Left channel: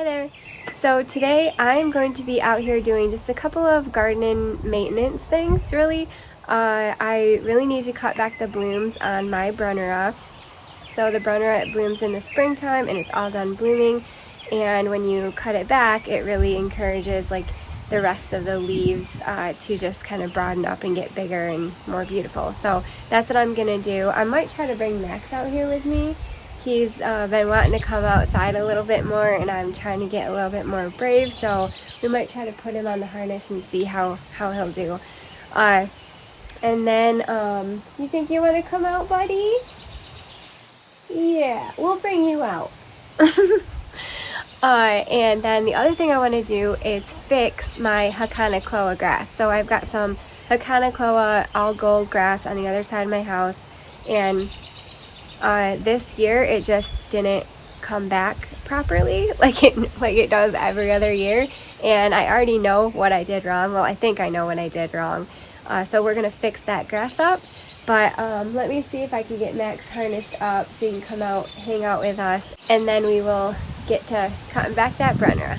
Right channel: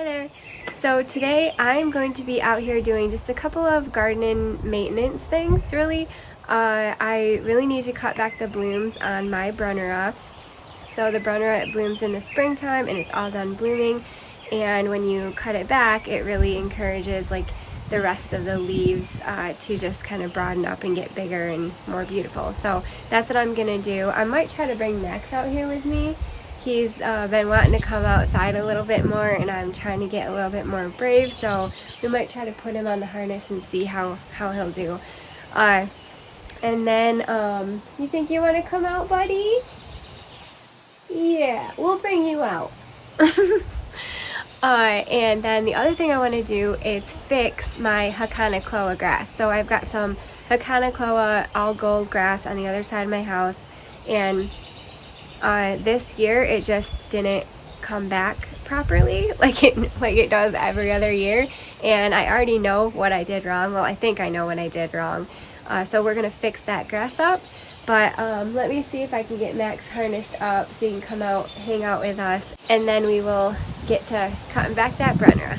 Hi there. So today I'm going to be out here doing just a couple of garden maintenance things really. I really need to cut back the blooms on my Brunnera. So the Brunnera, it blooms in the springtime and it's all done blooming, and when you cut it back it really encourages like the rest of the leaves to just kind of broaden up and get bigger and more beautiful. So that's what I'm gonna do. I might try to bring Max out here with me. He's been wanting to come outside a little bit more, and I'm trying to get a little bit more brave, so we might try to put him on the harness and see how he'll do. And then, you think you want to come out, buddy? Yeah, we'll bring you out. And then the other thing I want to do is fix my Hakonechloa grass. So I've got some Hakonechloa all gold grass on the other side of my house, and this year it just didn't come back properly like it does every other year, and I already know what I did wrong. Well, I think I know what I did wrong. So we're gonna fix that grass up, but let me see if I can get Max harnessed up so he can come out, hang out with us, and then we will get to cutting back that Brunnera.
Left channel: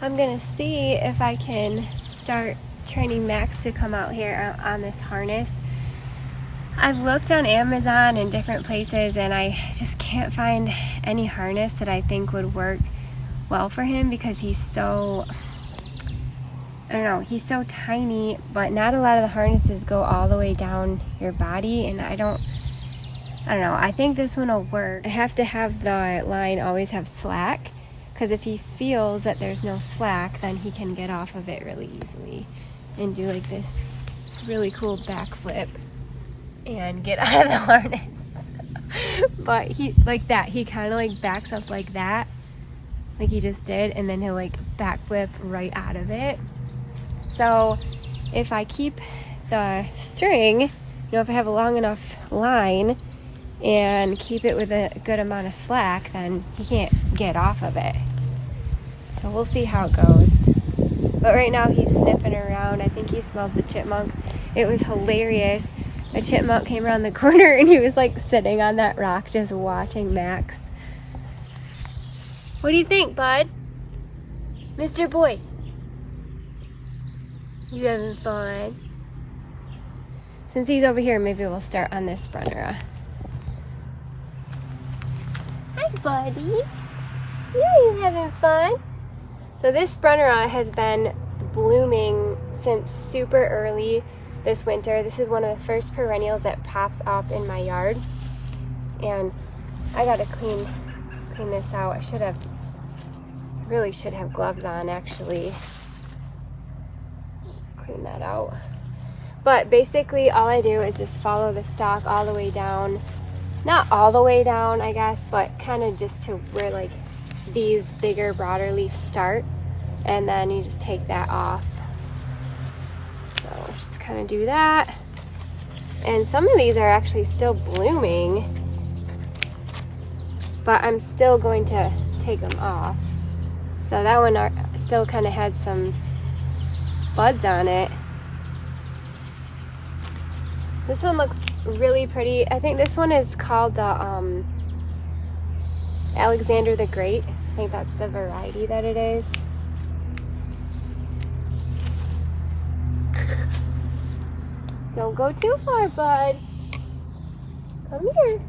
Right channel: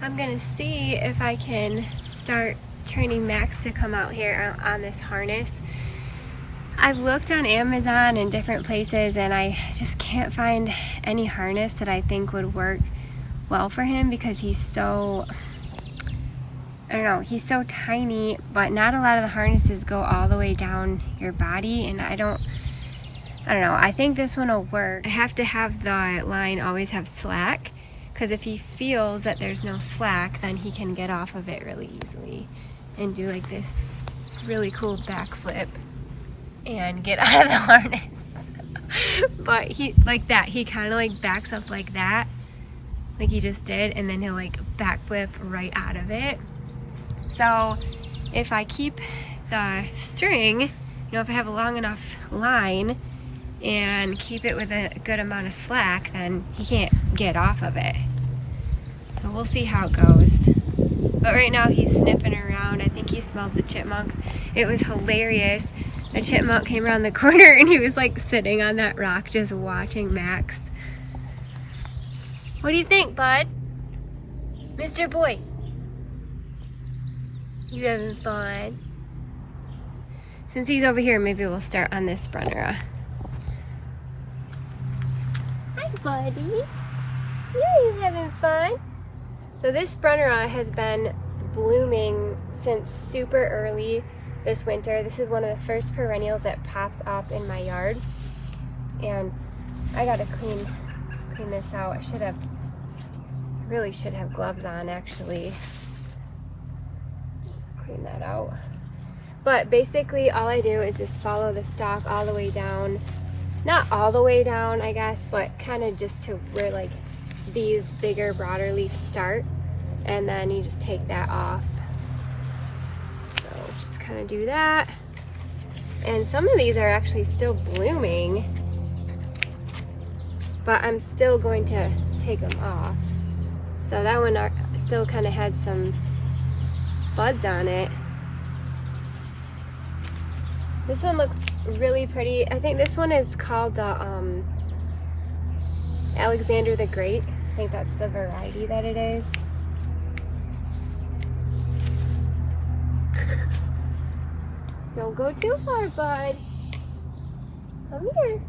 I'm gonna see if I can start training Max to come out here on this harness. I've looked on Amazon and different places, and I just can't find any harness that I think would work well for him because he's so, I don't know, he's so tiny, but not a lot of the harnesses go all the way down your body, and I don't know, I think this one will work. I have to have the line always have slack, because if he feels that there's no slack, then he can get off of it really easily and do like this really cool backflip and get out of the harness. But he, like that, he kind of like backs up like that, like he just did, and then he'll like backflip right out of it. So if I keep the string, you know, if I have a long enough line and keep it with a good amount of slack, then he can't get off of it. So we'll see how it goes. But right now he's sniffing around. I think he smells the chipmunks. It was hilarious. A chipmunk came around the corner and he was like sitting on that rock just watching Max. What do you think, bud? Mr. Boy? You having fun? Since he's over here, maybe we'll start on this Brunnera. Hi, buddy. You having fun? So this Brunnera has been blooming since super early this winter. This is one of the first perennials that pops up in my yard, and I gotta clean this out. I really should have gloves on actually. Clean that out. But basically all I do is just follow the stalk all the way down. Not all the way down, I guess, but kind of just to where like these bigger, broader leaves start, and then you just take that off. Kind of do that, and some of these are actually still blooming, but I'm still going to take them off. So that one still kind of has some buds on it. This one looks really pretty. I think this one is called the Alexander the Great. I think that's the variety that it is. Don't go too far, bud. Come here.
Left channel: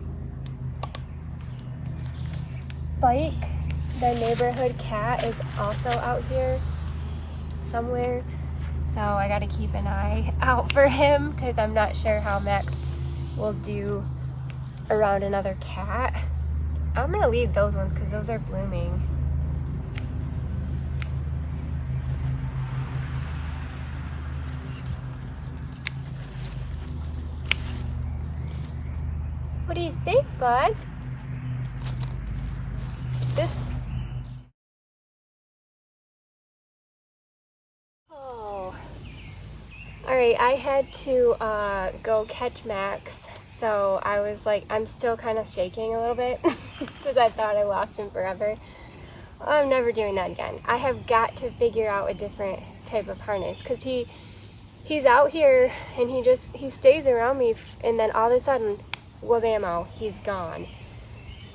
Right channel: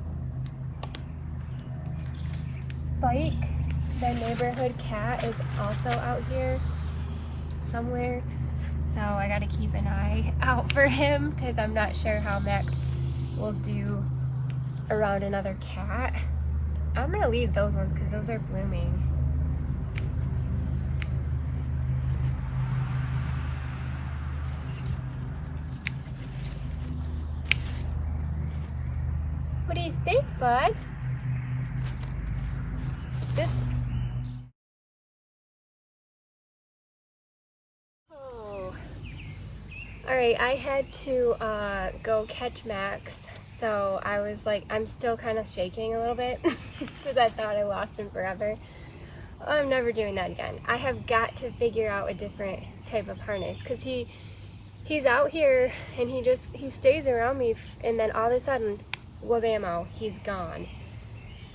Spike, the neighborhood cat, is also out here somewhere. So I gotta keep an eye out for him because I'm not sure how Max will do around another cat. I'm gonna leave those ones because those are blooming. What do you think, bud? Oh. Alright, I had to go catch Max, so I was like, I'm still kind of shaking a little bit because I thought I lost him forever. I'm never doing that again. I have got to figure out a different type of harness because he's out here and he stays around me, and then all of a sudden, wabamo, he's gone.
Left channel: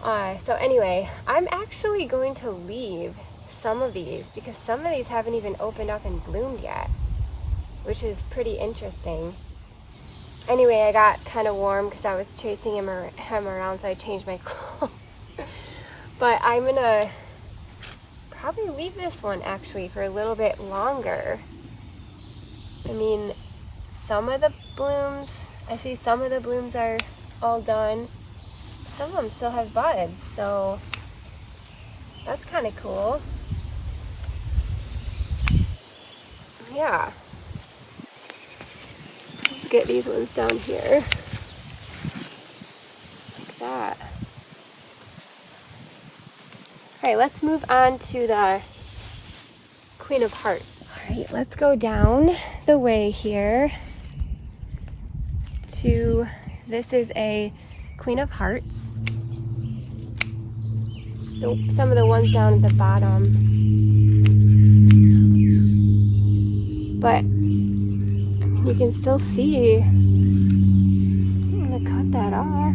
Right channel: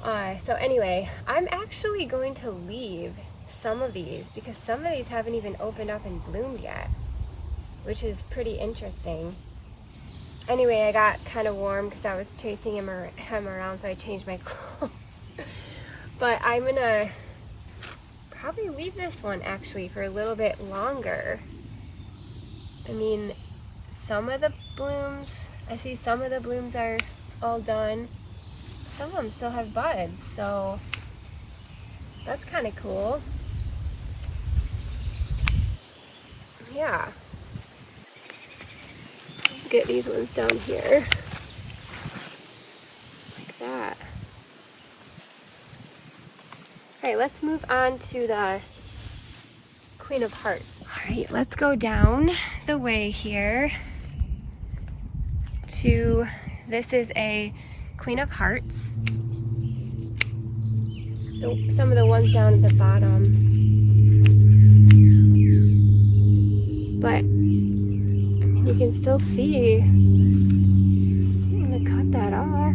So anyway, I'm actually going to leave some of these, because some of these haven't even opened up and bloomed yet, which is pretty interesting. Anyway, I got kind of warm because I was chasing him around, so I changed my clothes. But I'm gonna probably leave this one actually for a little bit longer. I mean, some of the blooms, I see some of the blooms are all done. Some of them still have buds, so that's kind of cool. Yeah. Let's get these ones down here. Like that. Okay, let's move on to the Queen of Hearts. All right, let's go down the way here to, this is a Queen of Hearts. Some of the ones down at the bottom. But, I mean, you can still see. I'm gonna cut that off.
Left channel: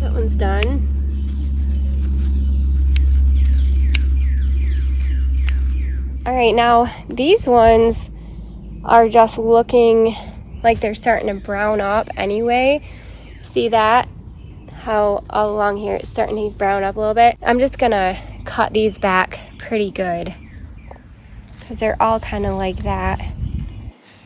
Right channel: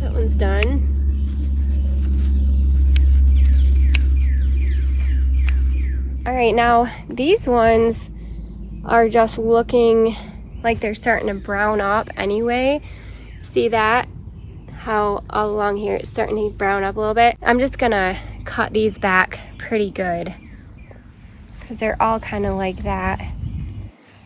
That one's done. All right, now these ones are just looking like they're starting to brown up anyway. See that? How all along here it's starting to brown up a little bit. I'm just gonna cut these back pretty good because they're all kind of like that.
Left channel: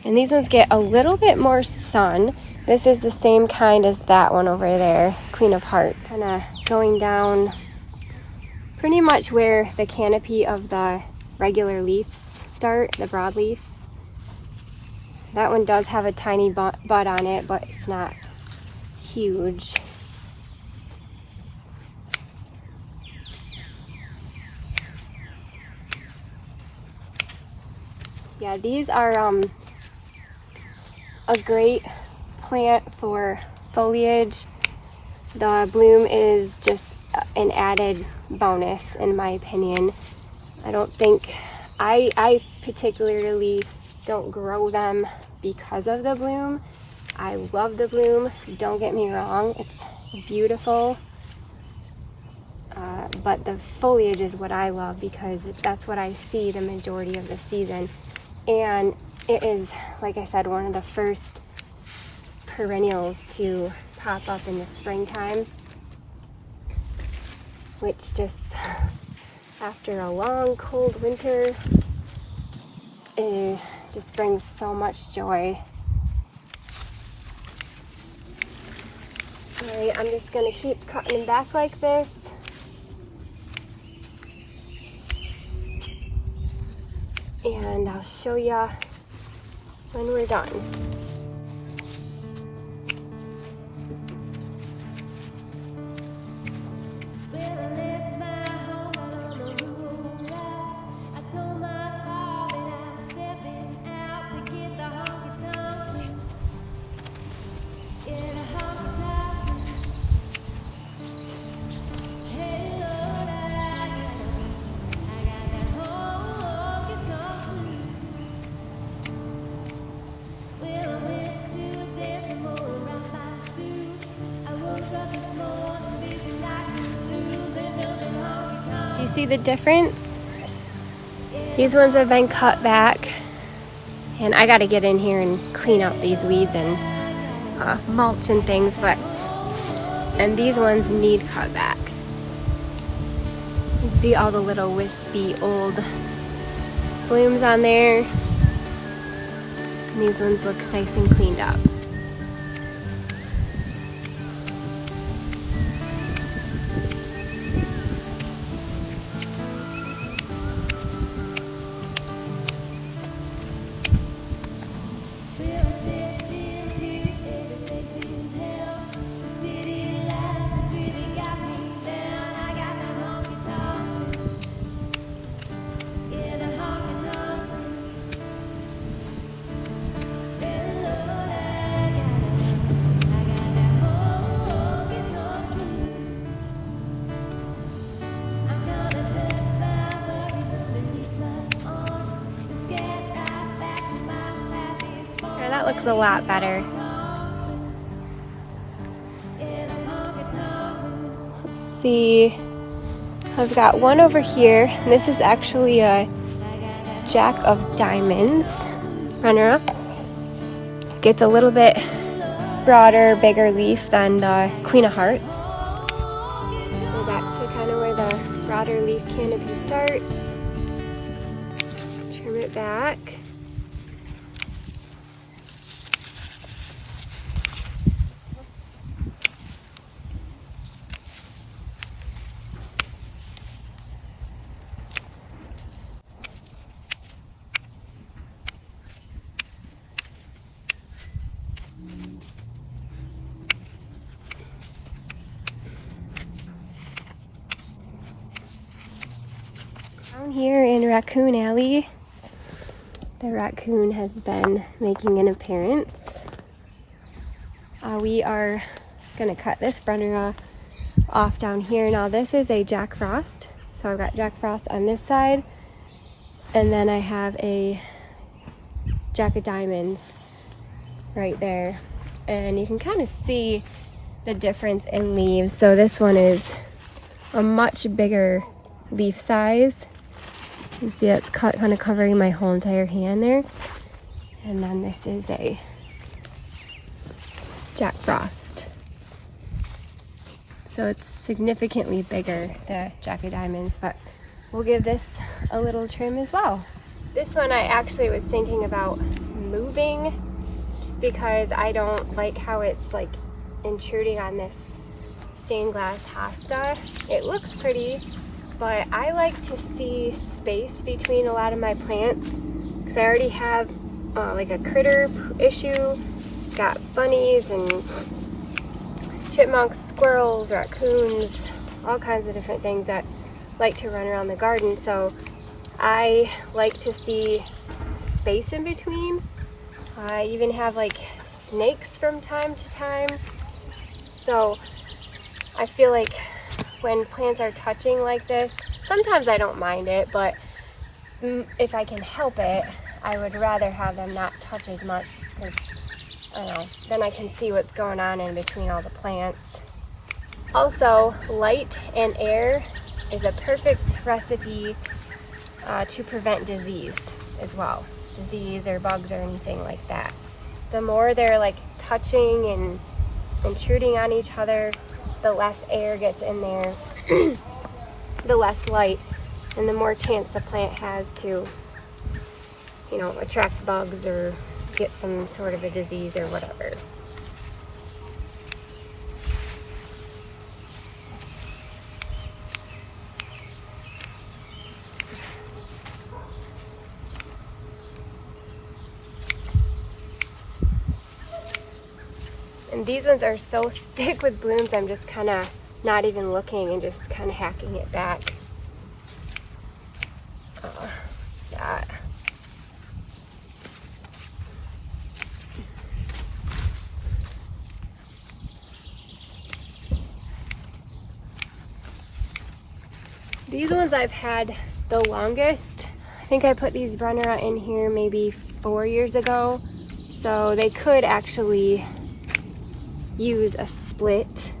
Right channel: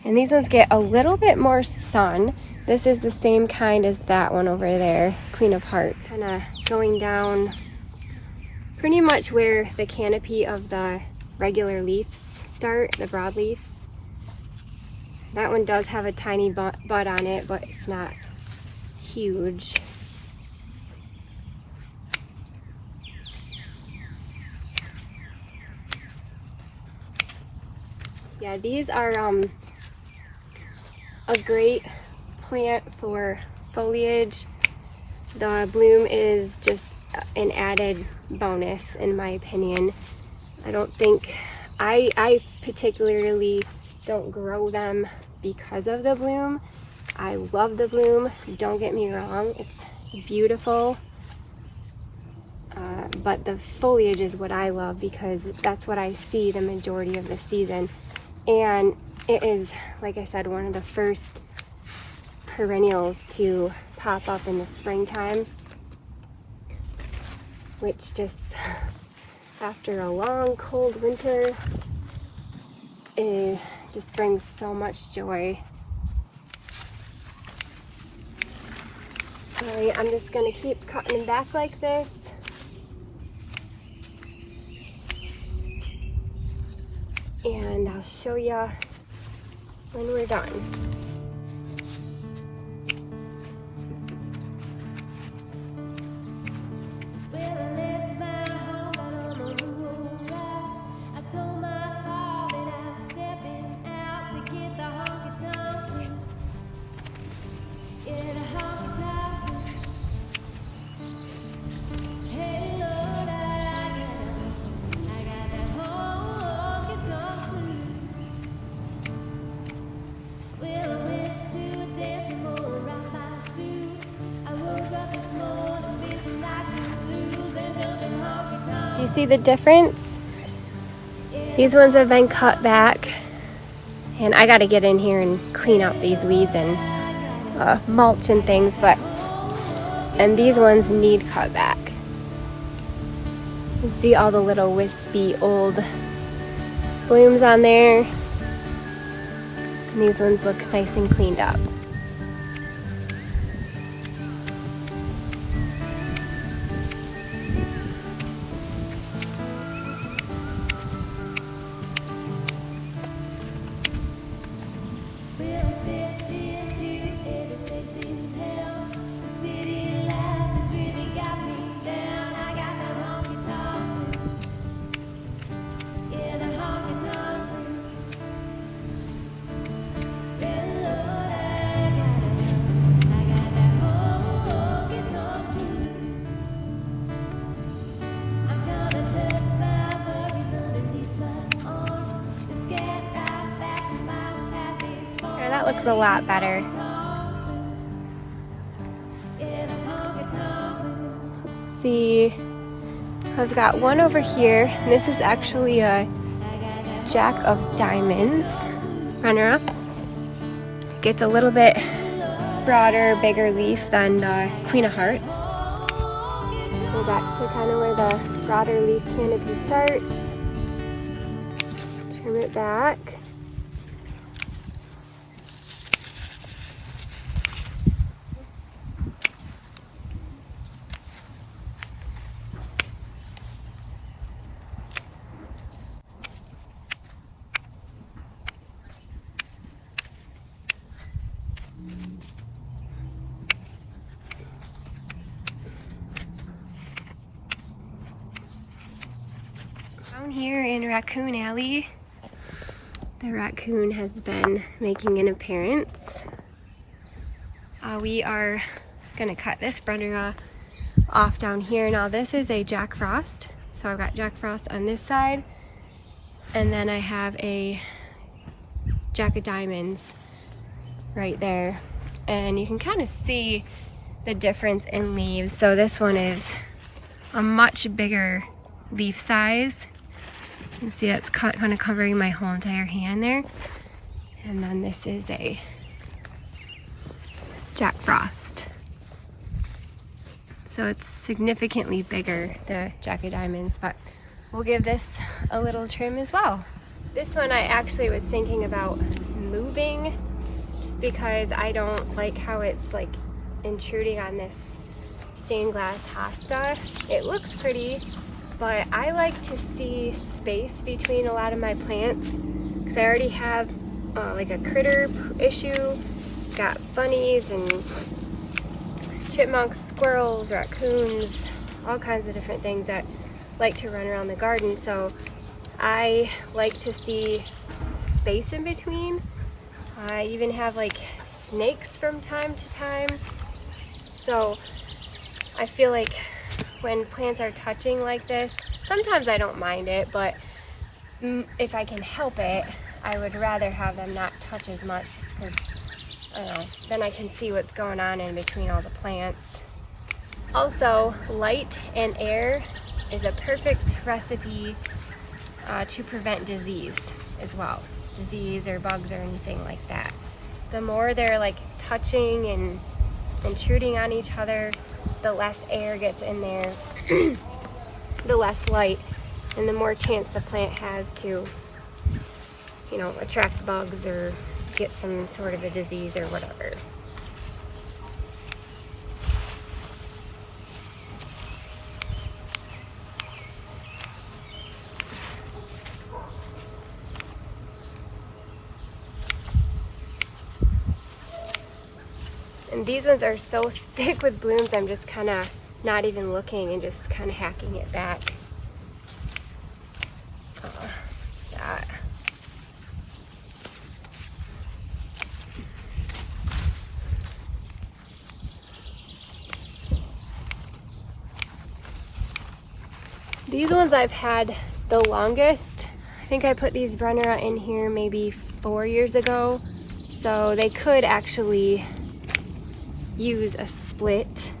And these ones get a little bit more sun. This is the same kind as that one over there, Queen of Hearts. Kind of going down pretty much where the canopy of the regular leaves start, the broadleaves. That one does have a tiny bud on it, but it's not huge. Yeah, these are a great plant for foliage. The bloom is just an added bonus in my opinion. I don't think, I particularly don't grow them because of the bloom. I love the bloom, don't get me wrong, it's beautiful. But the foliage is what I love because that's what I see the majority of the season. And it is, like I said, one of the first perennials to pop up in the springtime, which just, after a long cold winter, it just brings so much joy. All right, I'm just gonna keep cutting them back like this. And I'll show you when we're done. Do you see the difference? These ones have been cut back, and I got to get in here and clean up these weeds and mulch and things, and these ones need cut back. You can see all the little wispy old blooms on there, and these ones look nice and cleaned up. That looks a lot better. Let's see. I've got one over here. This is actually a Jack of Diamonds. Brunnera. Gets a little bit broader, bigger leaf than the Queen of Hearts. Go back to kind of where the broader leaf canopy starts. Trim it back. Down here in Raccoon Alley, the raccoon has been making an appearance. We are gonna cut this Brunnera off down here. Now this is a Jack Frost, so I've got Jack Frost on this side, and then I have a Jack of Diamonds right there, and you can kind of see the difference in leaves. So this one is a much bigger leaf size. You can see it's kind of covering my whole entire hand there. And then this is a Jack Frost. So it's significantly bigger, the Jack of Diamonds, but we'll give this a little trim as well. This one I actually was thinking about moving just because I don't like how it's like intruding on this stained glass hosta. It looks pretty, but I like to see space between a lot of my plants because I already have like a critter issue. Got bunnies and chipmunks, squirrels, raccoons, all kinds of different things that like to run around the garden. So I like to see space in between. I even have like snakes from time to time. So I feel like when plants are touching like this, sometimes I don't mind it, but if I can help it, I would rather have them not touch as much just because, I don't know, then I can see what's going on in between all the plants. Also, light and air is a perfect recipe to prevent disease as well. Disease or bugs or anything like that. The more they're like touching and intruding on each other, the less air gets in there, the less light, and the more chance the plant has to, you know, attract bugs or get some sort of a disease or whatever. And these ones are so thick with blooms, I'm just kind of not even looking and just kind of hacking it back. That. These ones I've had the longest. I think I put these Brunnera in here maybe 4 years ago. So they could actually use a split,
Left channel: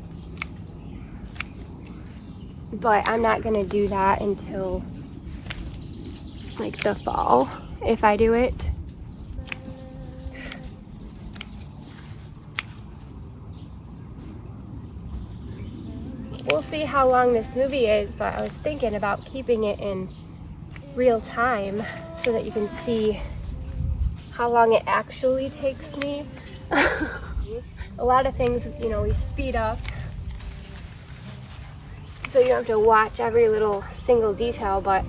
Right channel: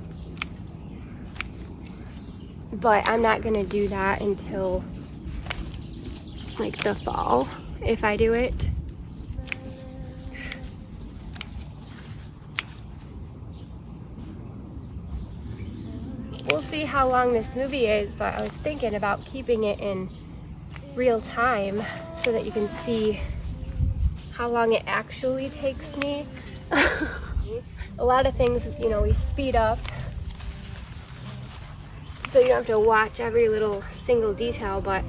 but I'm not gonna do that until like the fall if I do it. We'll see how long this movie is, but I was thinking about keeping it in real time so that you can see how long it actually takes me. A lot of things, you know, we speed up so you don't have to watch every little single detail, but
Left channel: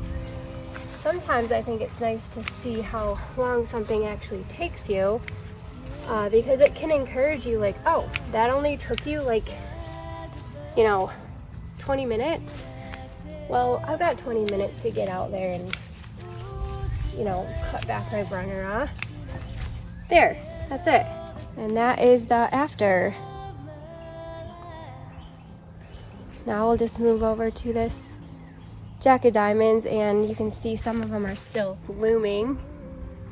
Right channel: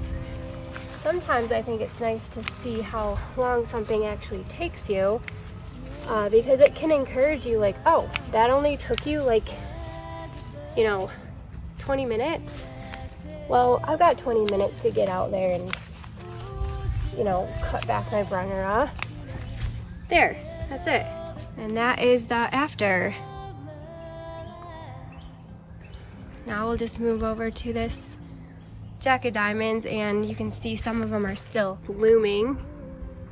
sometimes I think it's nice to see how long something actually takes you, because it can encourage you, like, oh, that only took you like, you know, 20 minutes. Well, I've got 20 minutes to get out there and, you know, cut back my Brunnera. There, that's it. And that is the after. Now we'll just move over to this Jack of Diamonds, and you can see some of them are still blooming.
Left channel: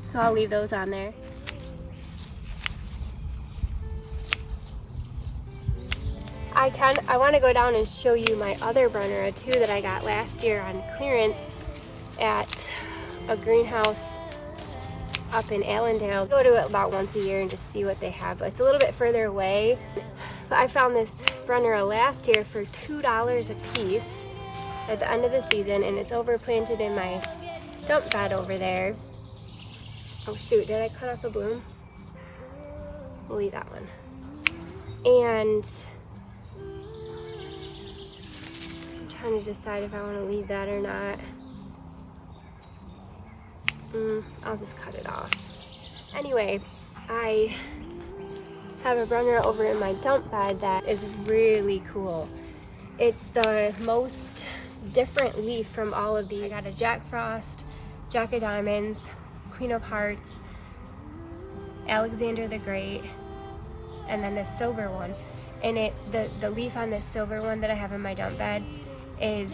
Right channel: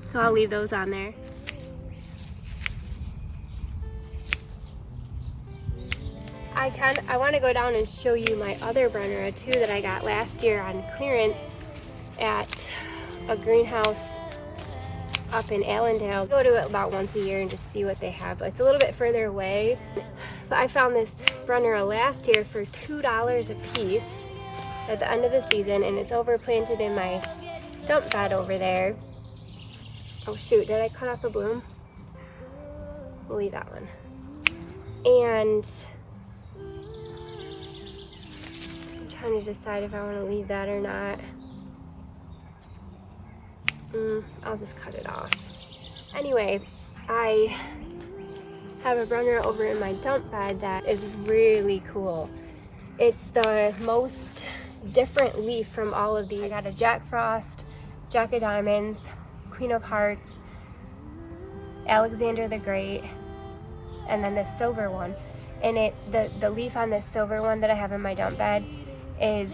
So I'll leave those on there. I want to go down and show you my other Brunnera too that I got last year on clearance at a greenhouse up in Allendale. I go to it about once a year and just see what they have. It's a little bit further away. But I found this Brunnera last year for $2 a piece at the end of the season, and it's overplanted in my dump bed over there. Oh shoot, did I cut off a bloom? We'll leave that one. And I'm trying to decide if I want to leave that or not. I'll just cut it off. Anyway, I have a Brunnera over in my dump bed that is really cool. It's the most different leaf from all of these. I got a Jack Frost, Jack of Diamonds, Queen of Hearts, Alexander the Great, and then this silver one. And the leaf on this silver one that I have in my dump bed is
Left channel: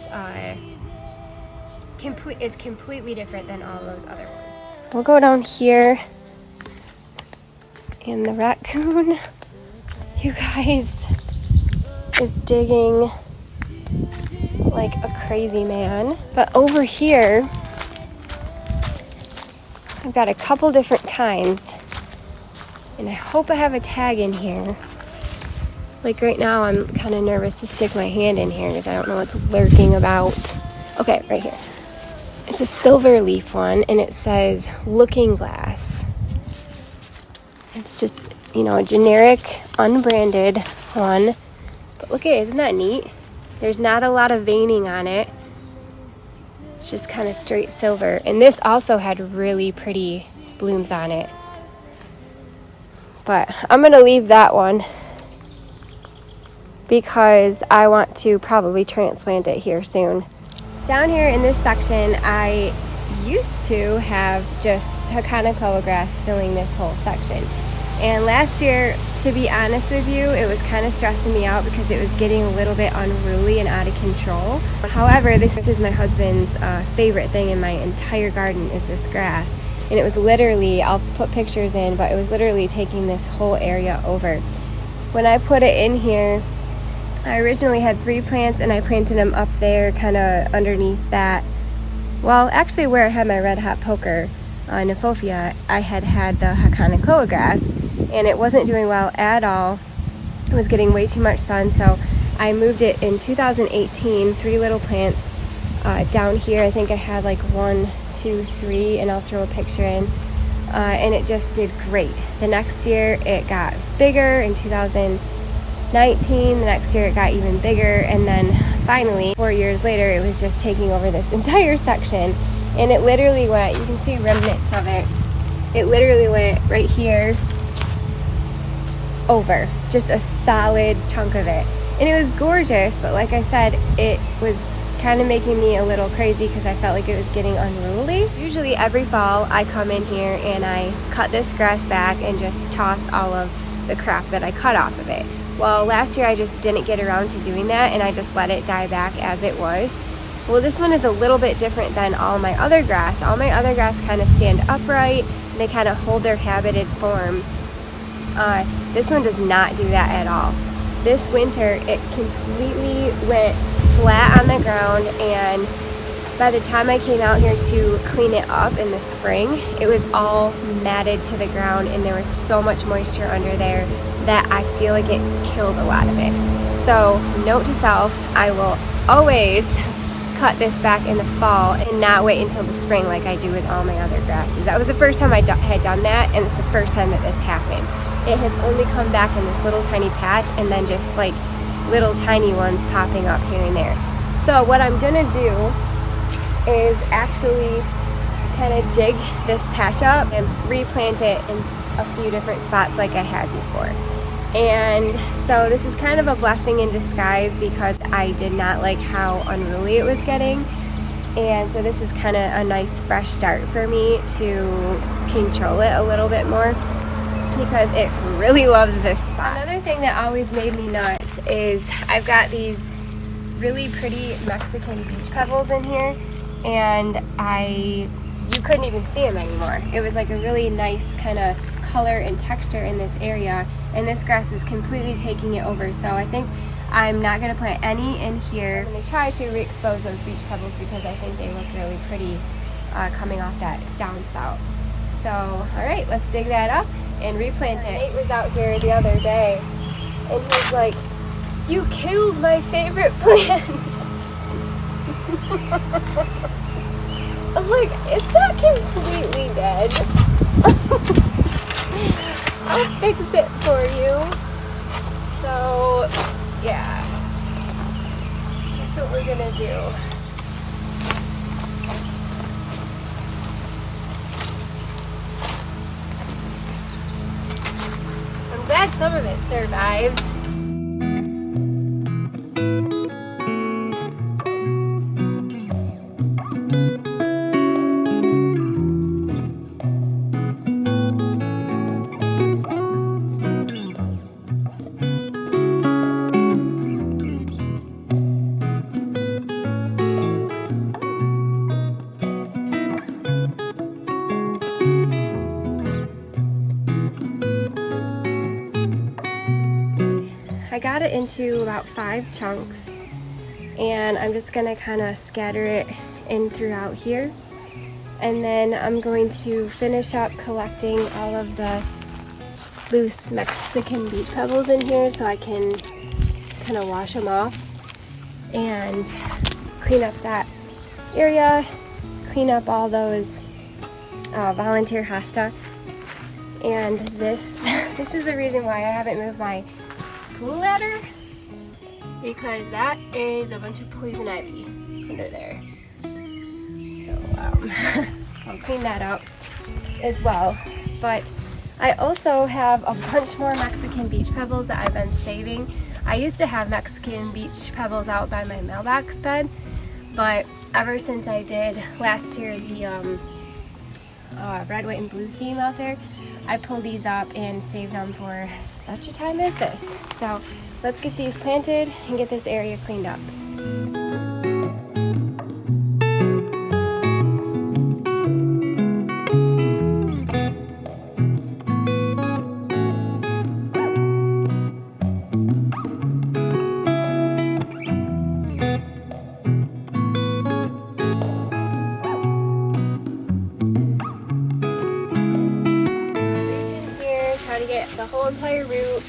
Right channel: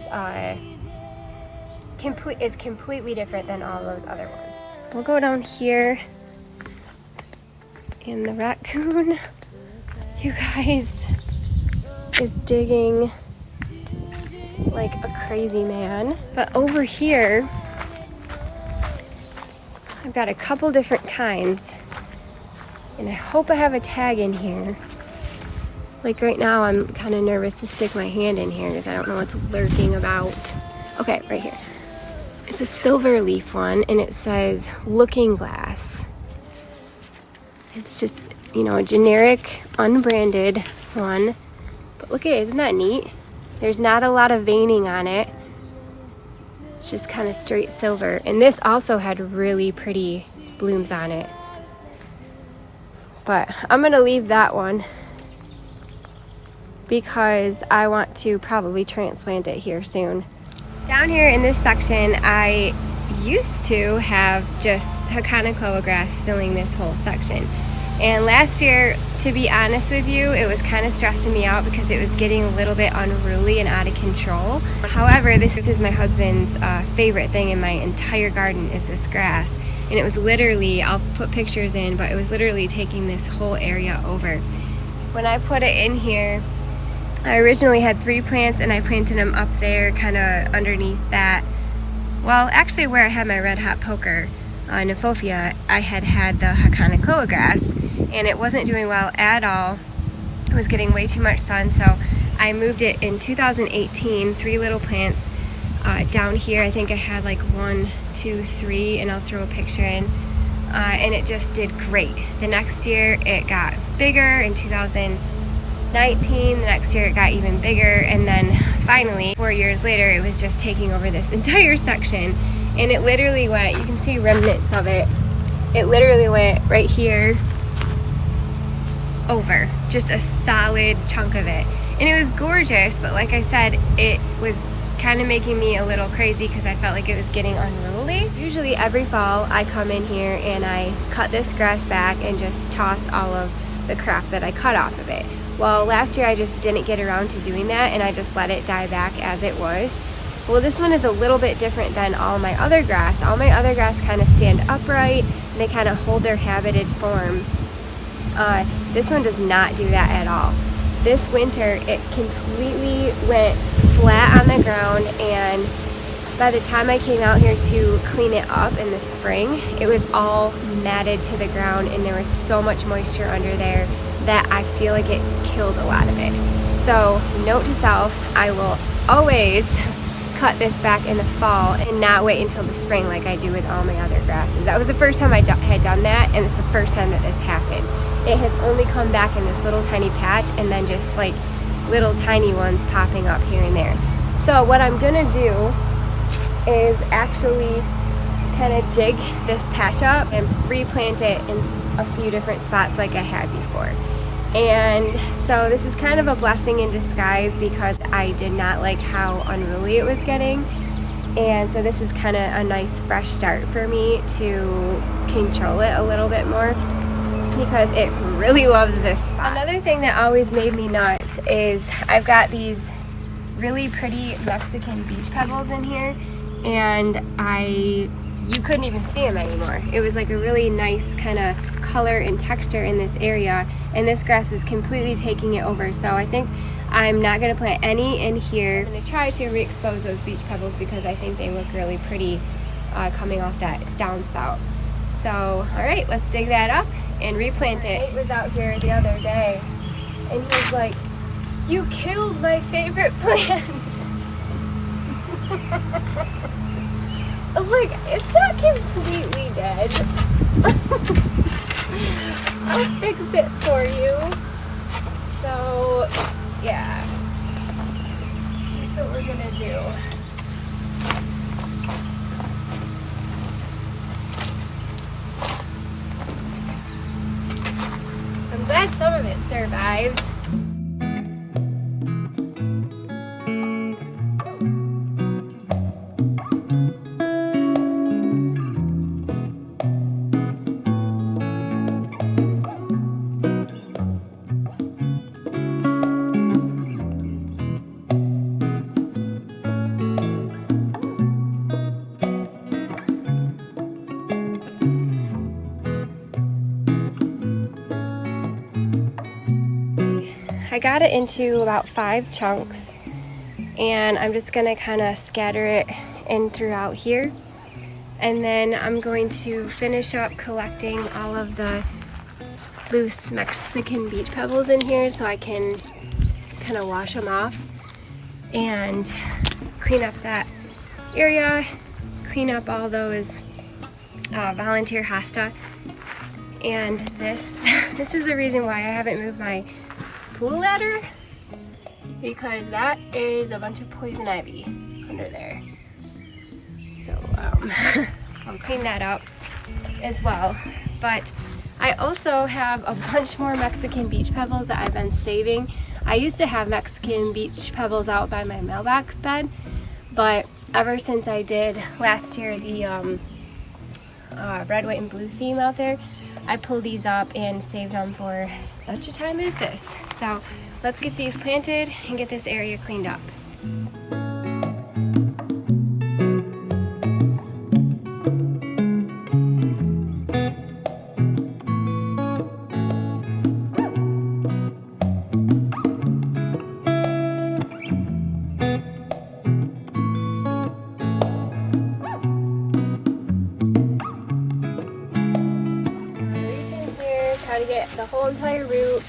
completely different than all those other ones. We'll go down here, and the raccoon, you guys, is digging like a crazy man. But over here, I've got a couple different kinds, and I hope I have a tag in here. Like right now, I'm kind of nervous to stick my hand in here because I don't know what's lurking about. Okay, right here. It's a silver leaf one, and it says Looking Glass. It's just, you know, a generic, unbranded one. But look at it, isn't that neat? There's not a lot of veining on it. It's just kind of straight silver. And this also had really pretty blooms on it. But I'm gonna leave that one because I want to probably transplant it here soon. Down here in this section, I used to have just Hakonechloa grass filling this whole section. And last year, to be honest with you, it was kind of stressing me out because it was getting a little bit unruly and out of control. However, this is my husband's favorite thing in my entire garden is this grass. And it was literally, I'll put pictures in, but it was literally taking this whole area over. When I put it in here, I originally had 3 plants and I planted them up there kind of underneath that. Well, actually where I had my red hot poker Nephofia, I had the Hakonechloa grass and it wasn't doing well at all. It was getting way too much sun, so I moved it in 2018, 3 little plants down here. I think I had like 1, 2, 3, and I'll throw a picture in. And it just did great. The next year it got bigger in 2019. The next year it got even bigger, and then finally 4 years later it was just taking over this entire section, and it literally went, you can see remnants of it, it literally went right here over, just a solid chunk of it, and it was gorgeous. But like I said, it was kind of making me a little crazy because I felt like it was getting unruly. Usually every fall I come in here and I cut this grass back and just toss all of the crap that I cut off of it. Well, last year I just didn't get around to doing that and I just let it die back as it was. Well, this one is a little bit different than all my other grass. All my other grass kind of stand upright and they kind of hold their habited form. This one does not do that at all. This winter it completely went flat on the ground, and by the time I came out here to clean it up in the spring, it was all matted to the ground and there was so much moisture under there that I feel like it killed a lot of it. So note to self, I will always cut this back in the fall and not wait until the spring like I do with all my other grasses. That was the first time I had done that, and it's the first time that this happened. It has only come back in this little tiny patch and then just like little tiny ones popping up here and there. So what I'm gonna do is actually kind of dig this patch up and replant it in a few different spots like I had before. And so this is kind of a blessing in disguise because I did not like how unruly it was getting. And so this is kind of a nice fresh start for me to control it a little bit more because it really loves this spot. Another thing that always made me nuts is I've got these really pretty Mexican beach pebbles in here, and I you couldn't even see them anymore. It was like a really nice kind of color and texture in this area, and this grass is completely taking it over. So I think I'm not going to plant any in here. I'm going to try to re-expose those beach pebbles because I think they look really pretty coming off that downspout. So, all right, let's dig that up and replant it. Nate was out here the other day, and he's like, "You killed my favorite plant." I was like, "It's not completely dead. I'll fix it for you." So, yeah, that's what we're gonna do. I'm glad some of it survived. I got it into about 5 chunks, and I'm just gonna kind of scatter it in throughout here, and then I'm going to finish up collecting all of the loose Mexican beach pebbles in here so I can kind of wash them off and clean up that area, clean up all those volunteer hosta. And this is the reason why I haven't moved my pool ladder, because that is a bunch of poison ivy under there. So I'll clean that up as well. But I also have a bunch more Mexican beach pebbles that I've been saving. I used to have Mexican beach pebbles out by my mailbox bed, but ever since I did last year the red, white, and blue theme out there, I pulled these up and saved them for such a time as this. So let's get these planted and get this area cleaned up. Try to get the whole entire root.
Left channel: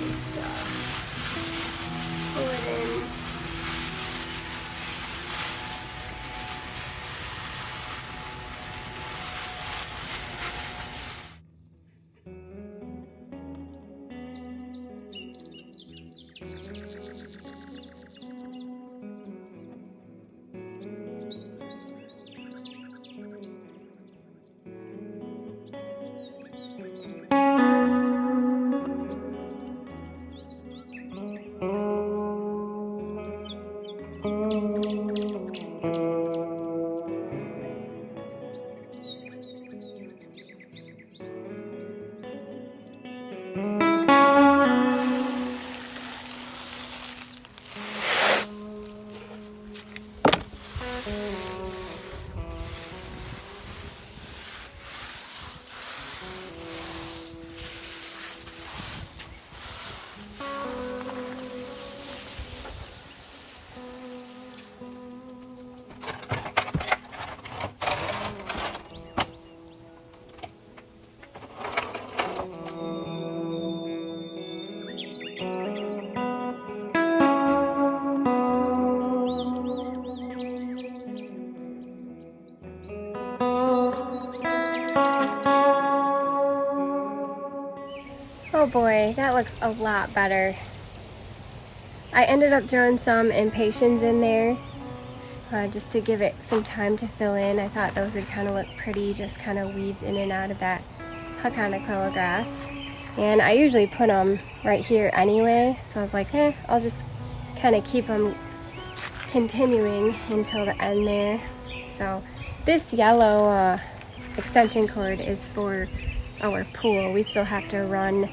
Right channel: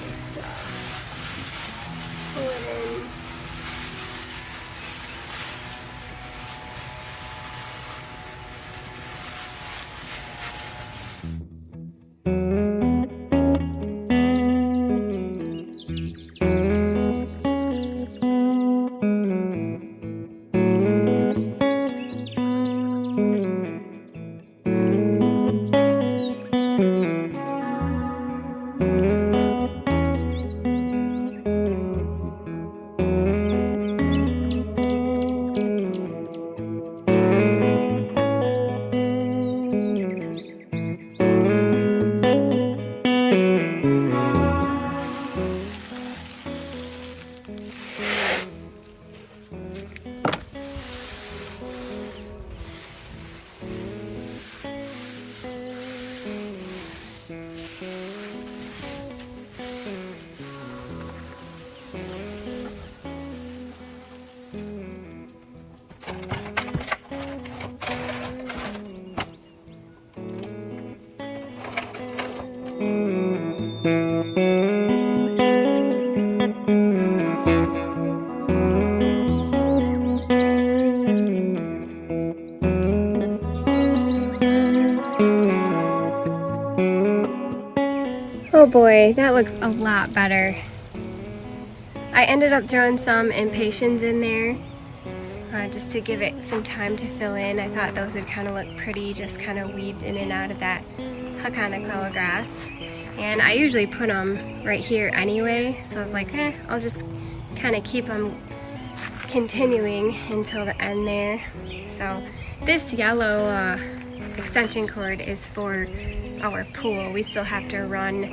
Just pull it in. Oh boy, that looks a lot better. I ended up throwing some Impatiens in there just to give it some time to fill in. I thought those would kind of look pretty, just kind of weaved in and out of that Hakonechloa grass. And I usually put them right here anyway, so I was like, I'll just kind of keep them continuing until the end there. So this yellow extension cord is for our pool. We still have to run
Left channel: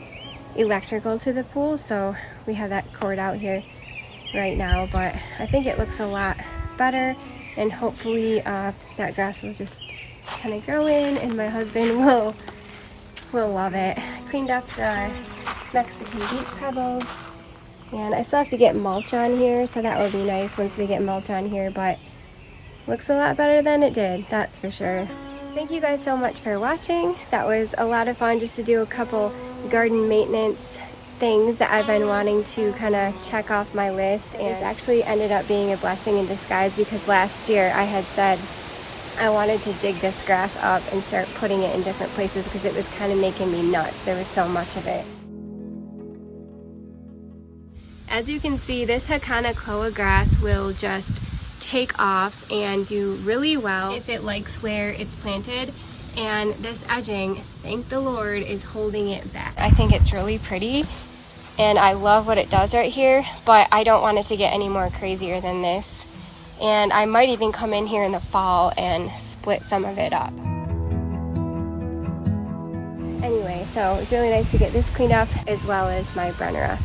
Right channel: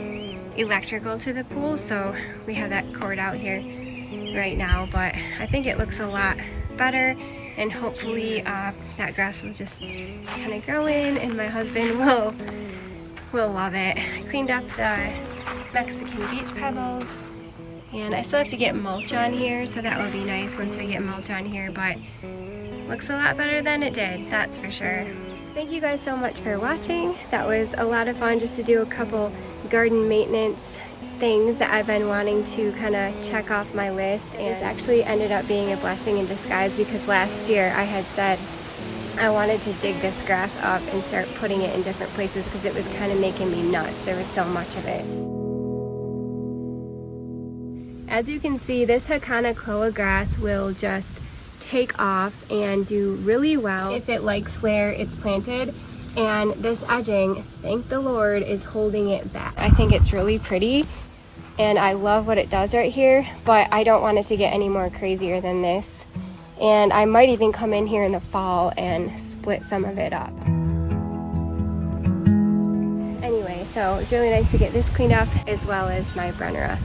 electrical to the pool, so we have that cord out here right now, but I think it looks a lot better, and hopefully that grass will just kind of grow in and my husband will love it. I cleaned up the Mexican beach pebbles, and I still have to get mulch on here, so that will be nice once we get mulch on here, but looks a lot better than it did, that's for sure. Thank you guys so much for watching. That was a lot of fun just to do a couple garden maintenance things that I've been wanting to kind of check off my list, and it actually ended up being a blessing in disguise because last year I had said I wanted to dig this grass up and start putting it in different places because it was kind of making me nuts. There was so much of it. As you can see, this Hakonechloa grass will just take off and do really well if it likes where it's planted, and this edging, thank the Lord, is holding it back. I think it's really pretty and I love what it does right here, but I don't want it to get any more crazier than this, and I might even come in here in the fall and split some of it up. Anyway, so it's really nice to get this cleaned up as well as my Brunnera.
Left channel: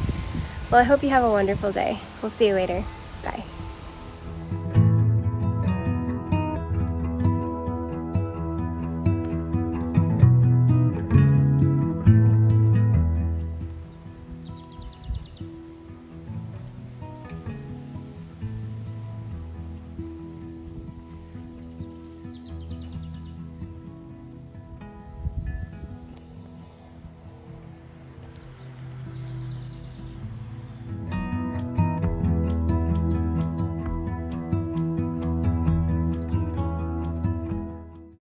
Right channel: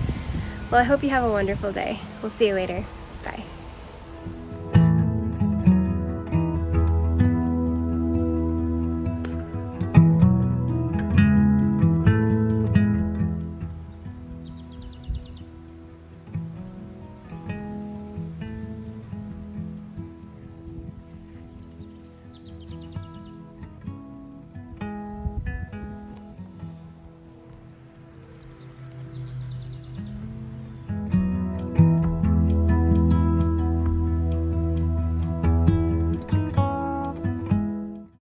Well, I hope you have a wonderful day. We'll see you later. Bye.